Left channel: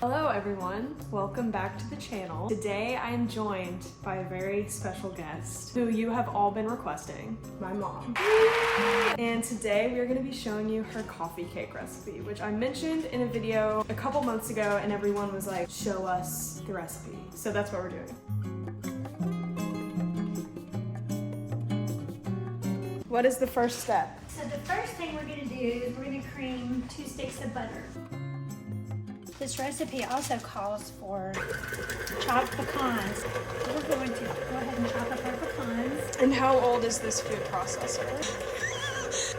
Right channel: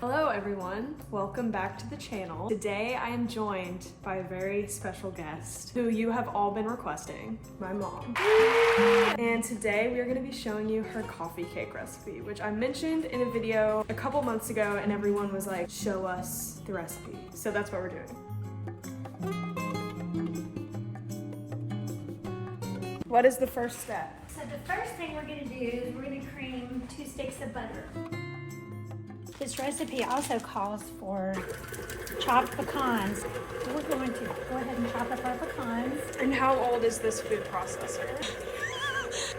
Hello everyone, welcome back to the channel. Today I am joined by a very special guest who you have all been requesting, my mom. And today we are going to be showing you her coffee cake recipe, which I mentioned in a video a couple months ago and everyone was like, show us the recipe. So that's what we're doing. What is the first step? So the first thing we're going to do is we're going to cream 2 sticks of butter. This recipe also calls for chopped pecans. So we're going to go ahead and chop up our pecans. And how old is this food processor?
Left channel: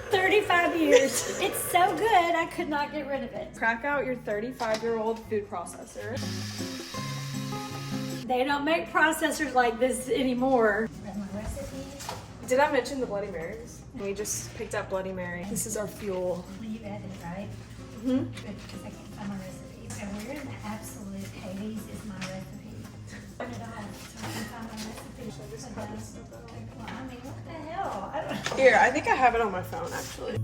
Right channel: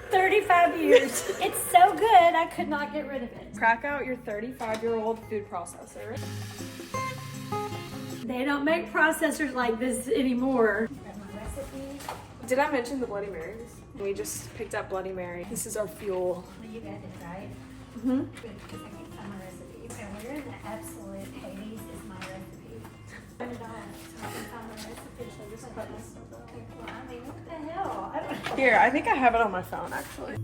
35 years. It's so good, I could not get rid of it. Crack out your 35-year-old food processor. They don't make processors like this anymore. That's my recipe. Did I mention the Bloody Marys? We just picked up Bloody Mary. This is our fuel. You added, right? Mm-hmm. Good, because I can't find my recipe. And we're in the absolute Hades is my recipe. Put it on so I can find my recipe. Well, I mean, what the hell? I don't know. Here, I think I have it on my phone actually.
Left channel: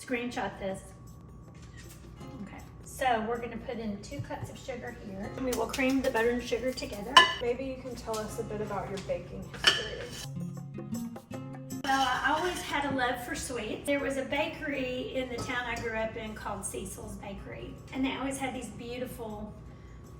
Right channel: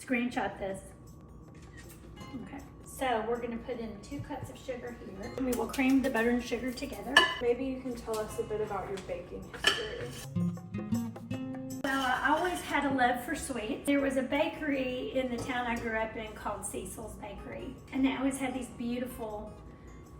Screenshot this. Okay, so we're gonna put in 2 cups of sugar here. And we will cream the butter and sugar together. Maybe you can tell us a bit about your baking history. Well, I always had a love for sweets. There was a bakery in the town I grew up in called Cecil's Bakery. And they always had these beautiful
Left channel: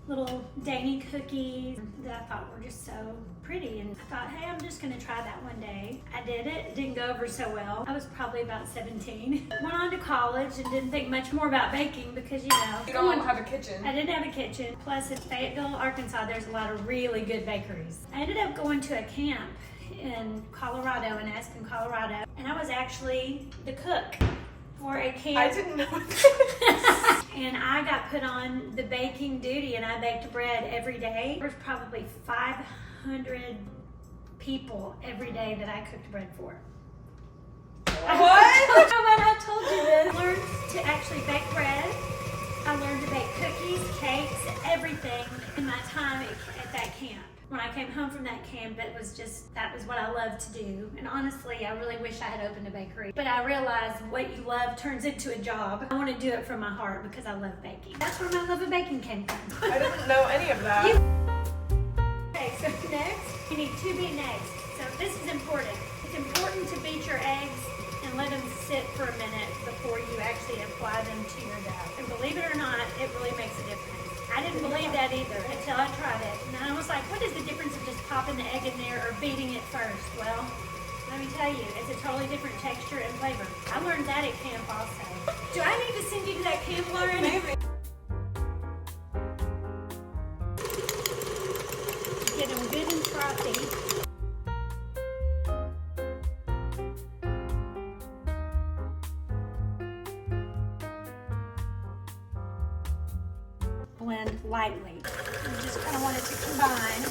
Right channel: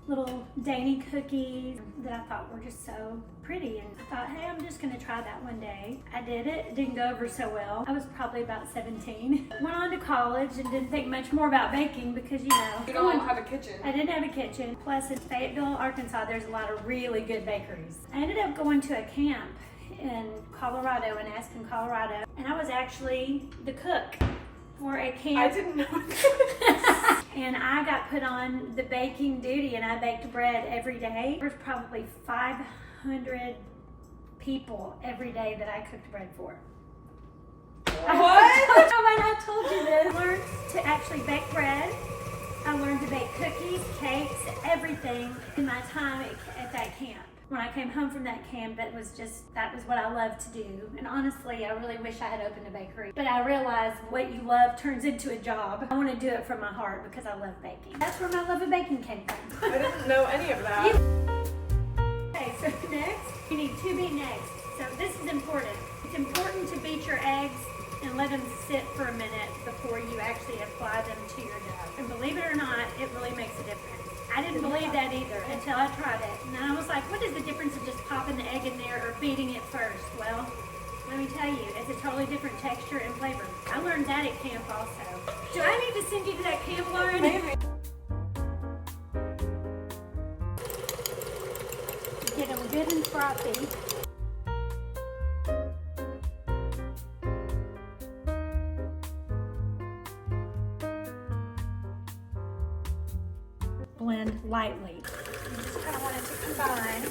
little dainty cookies that I thought were just so pretty. And I thought, hey, I'm just gonna try that one day. I did it. It didn't go over so well. I was probably about 17. Went on to college and didn't think much more about baking because, you know. You don't have a kitchen. I didn't have a kitchen. Plus in Fayetteville, Arkansas, there's a lot of really good bakeries. I ended up going to a camp in Colorado, in Aspen, Colorado. And I was actually the cook for a camp. I didn't know this. And I got put on the baking duty and I baked bread every day. There was probably 500 people every day that I cooked bread for. What? I told you this. I learned to actually bake bread. I learned to bake cookies, cakes, everything in my time at that camp. When I came home from that camp, that was what I loved to do. And honestly, I really wish I had opened a bakery. But I realized what you love turns into a job. I want to do it from my heart because I love baking. That's where my love of baking came from. I didn't know any of that. Okay, so next, you need 2 beaten eggs. So this is important. It's important to beat your eggs and let them sit for a minute before you actually apply them to your dough. And believe it or not, it really makes a difference. I didn't believe that either until I tried it. And I was like, what is the difference of just popping the egg in there or beating it first? Well, let me tell you, it's a totally different texture and flavor. I learned that at camp also. Do I need to send you to that camp, Lauren? Maybe. Get them good and frothy. Blend lightly. You just kind of want it to combine.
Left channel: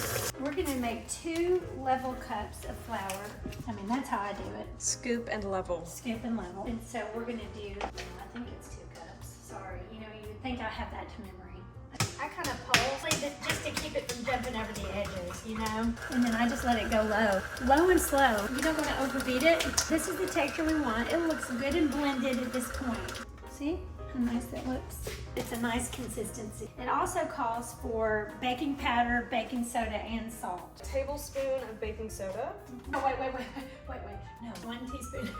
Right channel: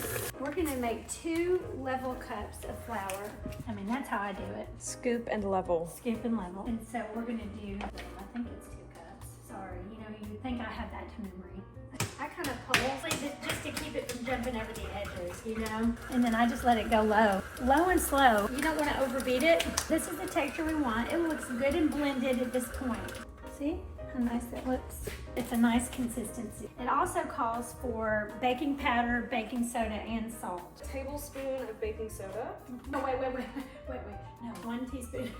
We're going to make 2 level cups of flour. I mean, that's how I do it. Scoop and level. Scoop and level. And so we're going to do, I think it's 2 cups. Sorry, you know, you would think I have that to memory. I kind of pull just to keep it from jumping over the edges, you know? And then I just let it go low. Low and slow. You don't want to overbeat it. This is the texture we want. It looks good and blended at this point. See how nice it looks? It's a nice consistency. It also calls for baking powder, baking soda, and salt. A tablespoon of baking soda. No, wait. No, 1 teaspoon.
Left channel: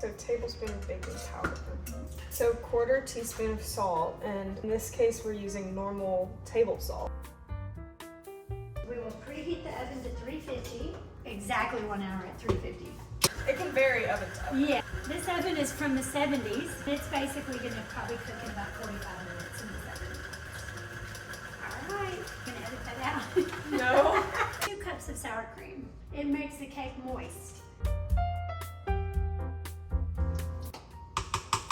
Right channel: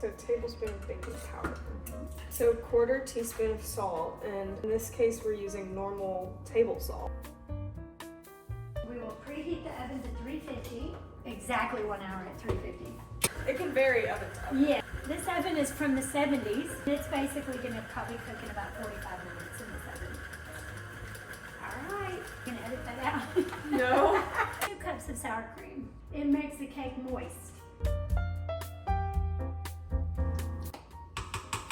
So tablespoon of baking powder. So 1/4 teaspoon of salt, and in this case we're using normal table salt. We will preheat the oven to 350. Exactly 1 hour at 350. It can vary oven to oven. Yeah, this oven is from the 70s. It's basically gonna probably cook in about 45 minutes in this oven. All right, gonna edit that out. No. 2 cups of sour cream. It makes the cake moist.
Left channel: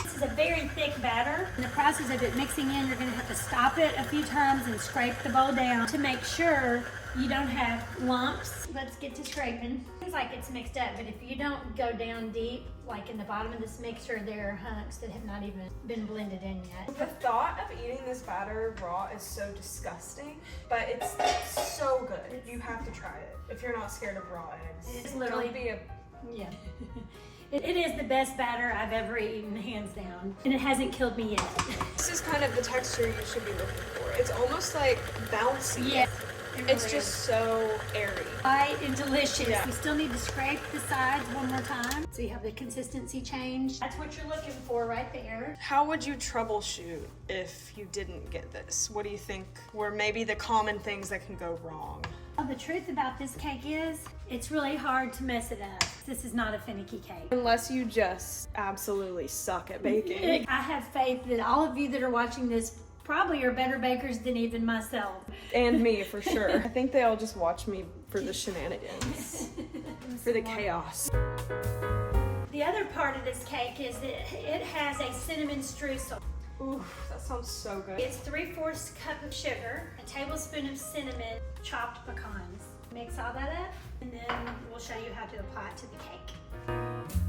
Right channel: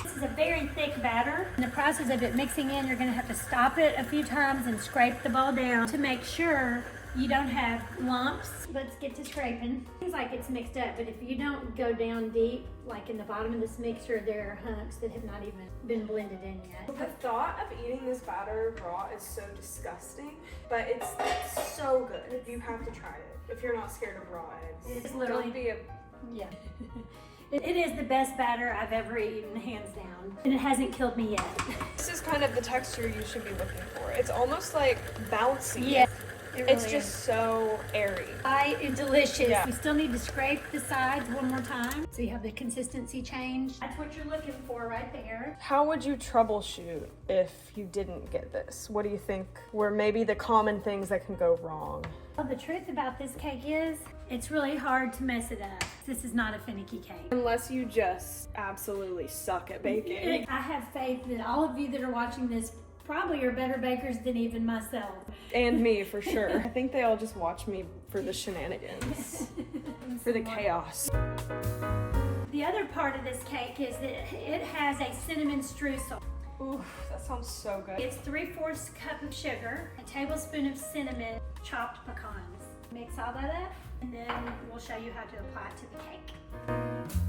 This is a very thick batter. In the process of it mixing in, you're gonna have to stop it a few times and scrape the bowl down to make sure you don't have lumps. Let's get to scraping. Seems like it's mixed up, but if you don't go down deep, like in the bottom of this mixture, there are hunks that have not even been blended in yet. The thought of eating this batter raw is so disgusting, but it's so good. You have to try it if you're not scared of raw eggs. It's literally, Don't be a... yeah. It is the best batter I've ever eaten, hands down. And it hasn't killed me yet. This is kind of the texture you should be looking for. It's almost like bouncy. Yeah. It's just so airy. Light and delicious. Yeah. You still need to scrape the sides one more time so you have the consistency change. That's what you're looking for right there. How would you troubleshoot if you didn't get this? What do you think were maybe the common things that can go wrong? Well, the truth about this cake is it's really hard to mess it up. This is not a finicky cake. Unless you just absolutely suck at baking. I have faith that all of you that are watching this probably are better bakers than even myself. And me, for sure. I think they all just watch me for the shenanigans, for the chaos. The other part of this cake is that it has a cinnamon streusel. Oof, that sounds so good. It's 3/4 cup of sugar, a tablespoon of cinnamon, chopped pecans. Mix all that up, and then we'll show you how to apply it to the cake.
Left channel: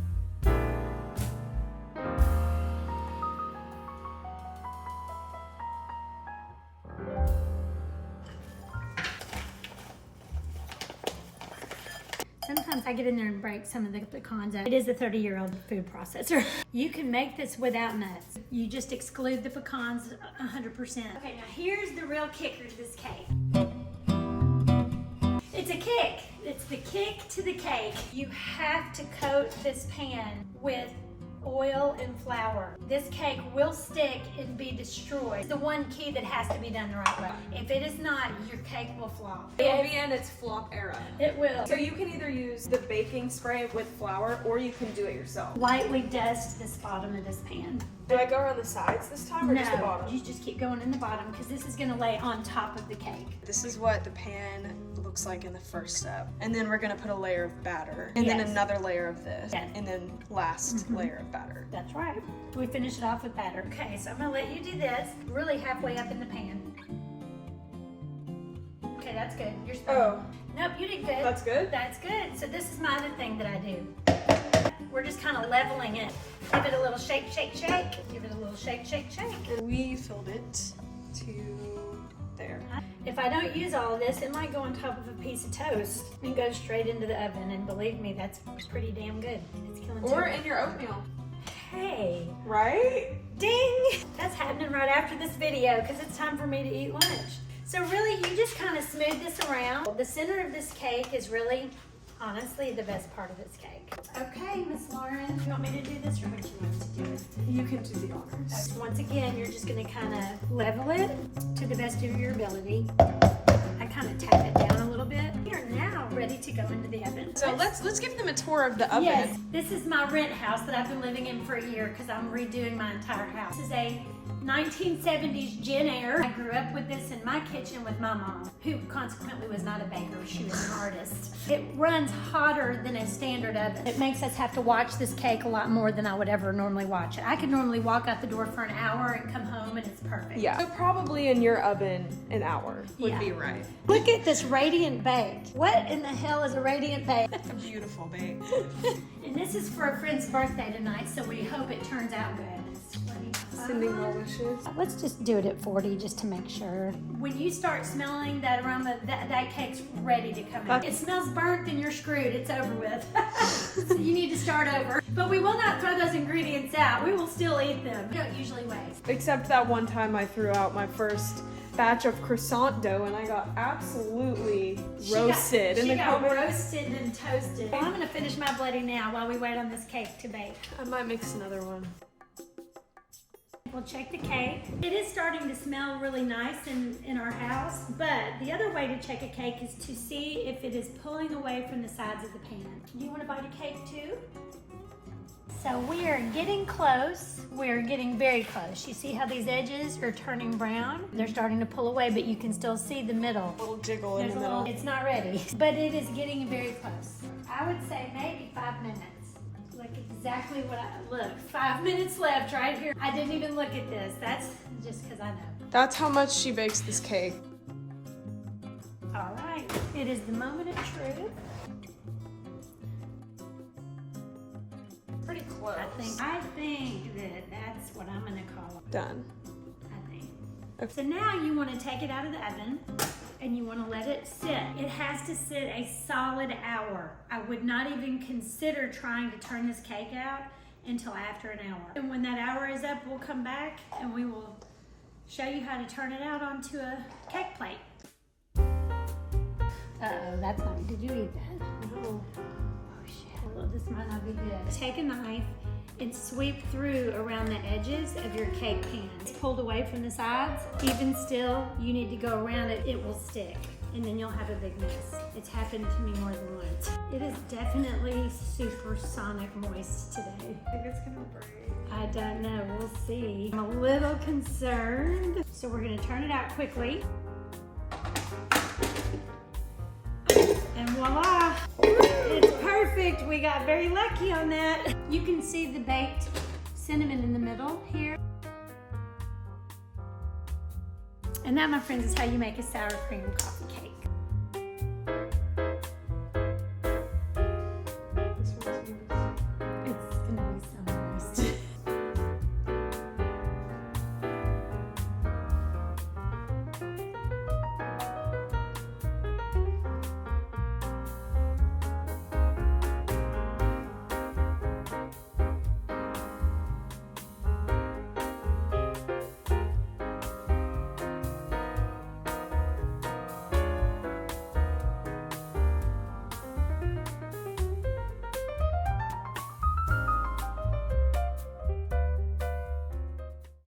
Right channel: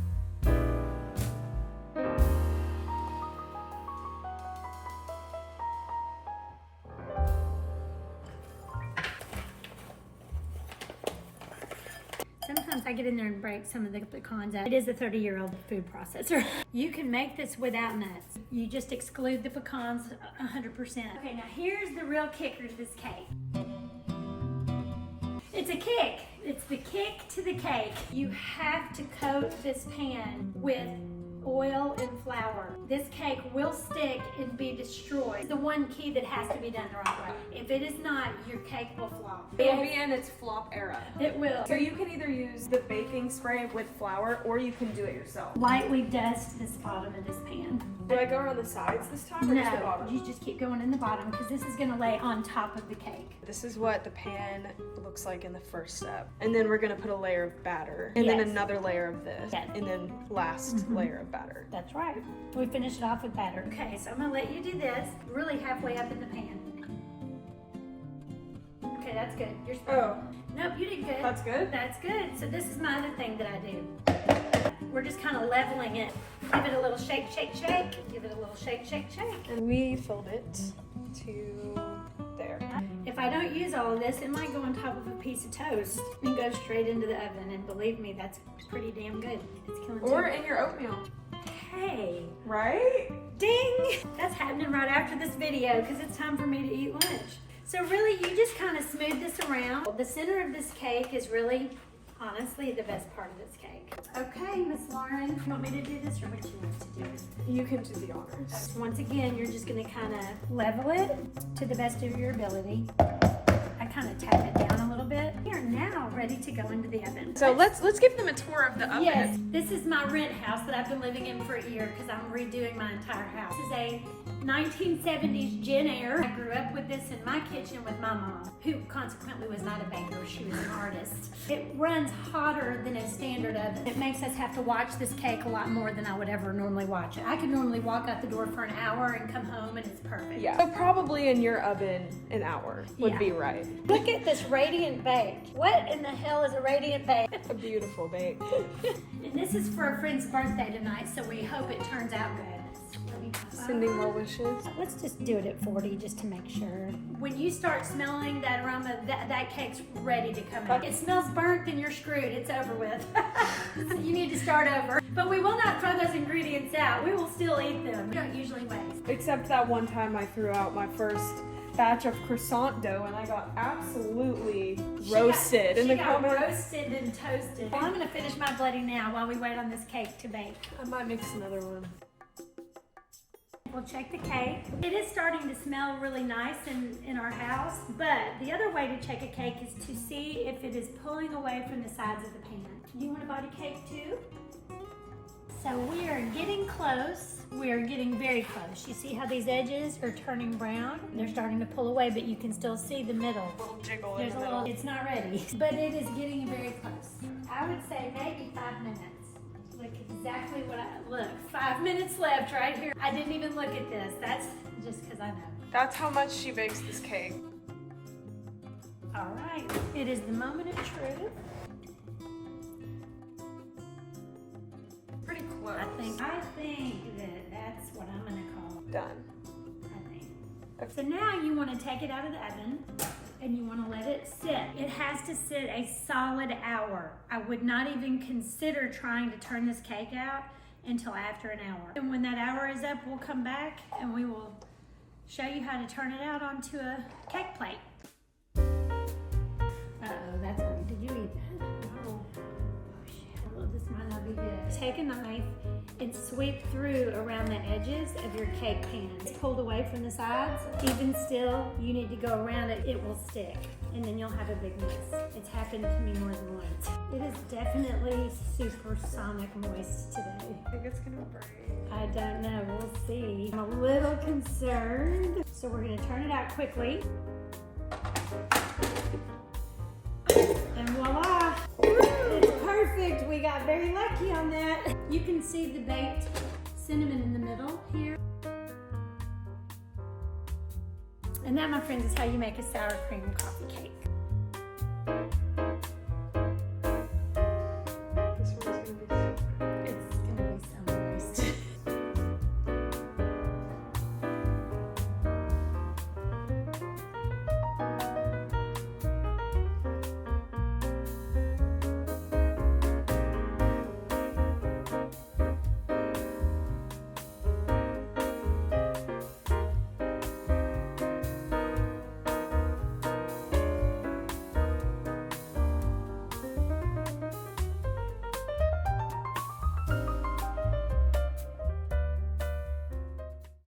Sometimes I get in there and break some of the pecans out. It is a 30-year-old food processor. You can make this without nuts. You just exclude the pecans 100%. Okay, now here's the real kicker to this cake. It's a kick. It's the kick to the cake. You have to coat this pan with oil and flour. This cake will stick and be destroyed. It's the one key that has to be done the right way. If it is not, your cake will flop. It will be in its flop era. It will. So you can either use the baking spray with flour or you can do it yourself. Lightly dust this bottom of this pan. Do I go around the sides this time or just the No, bottom? you just keep going in the bottom because this is going to lay on top of the cake. This is what the pan looks like in the first step. And then we're gonna put a layer of batter. And then Yes. another layer of this. Yes. And then last layer of batter. That's right. We finish it off with batter. Okay, so I'm going to let you do this really halfway up in the pan. Okay, that's good. You're Oh, Nope, you did good. that's good? That's good. So this is my other thing that I do. We're just kind of leveling it. Give it a little shake, shake, shake. Give it a little shake, shake, shake. And we filled it to there. If I don't use all of this, it might go on top of a piece of toast and go straight into the oven. And believe me, that's pretty damn good. It's killing Or two. in your oatmeal. Hey, Right? ding! That's happening right after this video because it's time for me to eat lunch. So really, you just kind of smooth this around. The center of this cake is really, honestly, the best part of this cake. Okay, Miss Lauren, you want me to do this or would you like to do it? You can do the honors. Once again, you're just going to kind of level it to the best of your ability. I kind of tap it down a little bit. We are now ready to go into the oven. So let's give them a tour of the oven. Yes, this is my rent house that I've been living in for a year because I'm redoing my entire house. This is a 1970s Jen Air. I grew up with this in my kitchen with my mom, who consequently was not a baker, she was an artist. It runs hotter than a standard oven. It makes us have to watch this cake a lot more than I would ever normally watch it. I could normally walk out the door for an hour and come home and it's perfect. Yeah. So probably in your oven, an hour would Yeah. be right. Look at this radiant bake. What in the hell is a radiant bake? It's a beautiful bake. And this is for a friend's birthday tonight, so we hope it turns out good. Sending well wishes. Let's just do it at 40 just to make sure. When you start smelling that aroma, that cake's ready to come out. If it smells burnt, then you're screwed. It's over with. So you need to start over. But we will not throw those ingredients out. We will still eat them. We don't usually waste. Except that one time I threw out my first batch of croissant dough and I got absolutely roasted in the comments. Roasted and toasted. Well, I'm going to finish my bloody now while we wait on this cake to bake. I might mix another one. We'll check the cake. It is starting to smell really nice in our house, but the other way to check a cake is to see if it is pulling away from the sides of the pan. Do you want to bite a cake too? So we are getting close. We are getting very close. You see how these edges are turning brown? They're starting to pull away, but you can still see the middle. A little jiggle There's in a the little, middle. it's not ready, but it is getting very close. I would say maybe 5 minutes. Look exactly what look, 5 minutes left right here. I didn't even look at this. That's just because I know. That's how much she bakes this cake. All right, it is the moment of truth. Pretty close. I think that that's what I'm gonna call it. Done. I think. So now you want to take it out of the oven. and you want to let it sit. It has to sit a solid hour. I would not even consider trying to turn this cake out until after an hour. And when that hour is up, we'll come back and we will show you how to turn it out onto a cake plate. Uh-oh, that's not, did you eat that? Oh shit, this might not be good. Take a knife and sweep through around the edges of your cake pan. It's pulled away from the sides. Even still, you need to go around it. It will stick, and then you'll have a big mess. It's happened to me more than once. It is definitely supersonic moist today. I think it's gonna break. I don't know, we'll see. I'm a little concerned. So we're gonna turn it out quickly. And voila, it's perfect. We got very lucky on that. You can see the baked cinnamon in the middle here. And that, my friends, is how you make a sour cream coffee cake.